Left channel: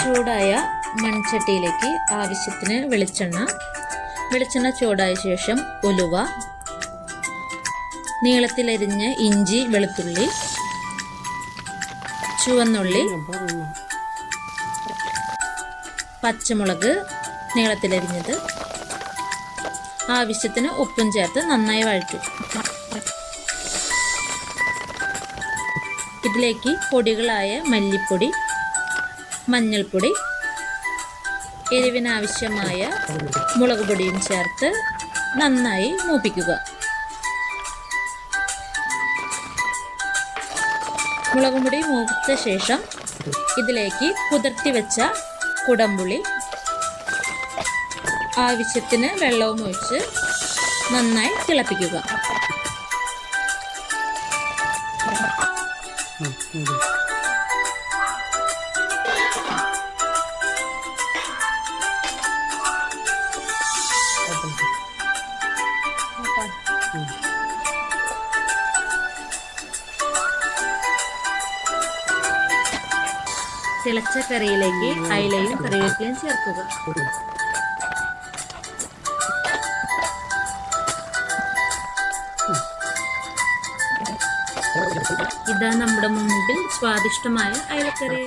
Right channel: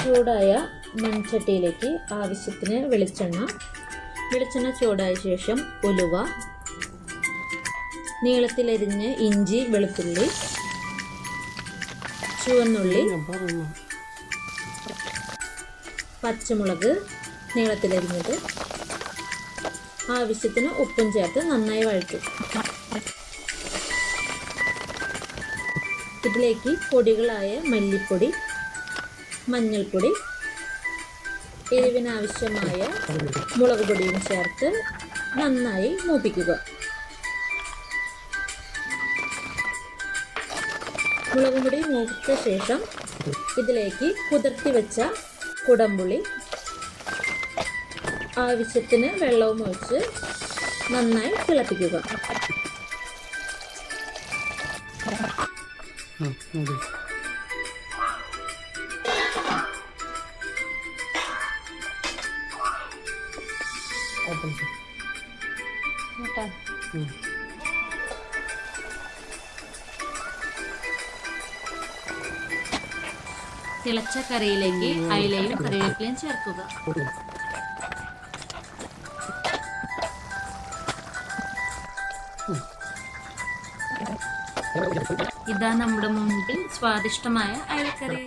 ചൂടായ മൺചട്ടിയിലേക്ക് ആവശ്യത്തിന് വെളിച്ചെണ്ണ ചൂടായ ശേഷം ഉലുവ, നീളത്തിലരിഞ്ഞ ഇഞ്ചി, വെളുത്തുള്ളി, ചുവന്നുള്ളി, പച്ചമുളക് നീളത്തിലരിഞ്ഞത്, ആവശ്യത്തിന് ഉപ്പും ചേർത്ത് നന്നായി വഴറ്റും. ഇതിലേക്ക് പൊടികളായ മല്ലിപ്പൊടി, മഞ്ഞൾപ്പൊടി, എരിവിനാവശ്യമായ മുളക് പൊടിയും ചേർത്ത് നന്നായി മൂപ്പിക്കുക. മുളക് പൊടി മൂപ്പിച്ച ശേഷം ഇതിലേക്ക് കുതിർത്തി വെച്ച കുടംപുളി, ആവശ്യത്തിന് വെള്ളവും ഒഴിച്ച് നന്നായി തിളപ്പിക്കുക. തിളച്ച കറിയിലേക്ക് അയിലയും കറിവേപ്പിലയും ചേർക്കുക. ഇതാ നമ്മുടെ മുമ്പിൽ സ്വാദിഷ്ടമായ അയിലക്കറി.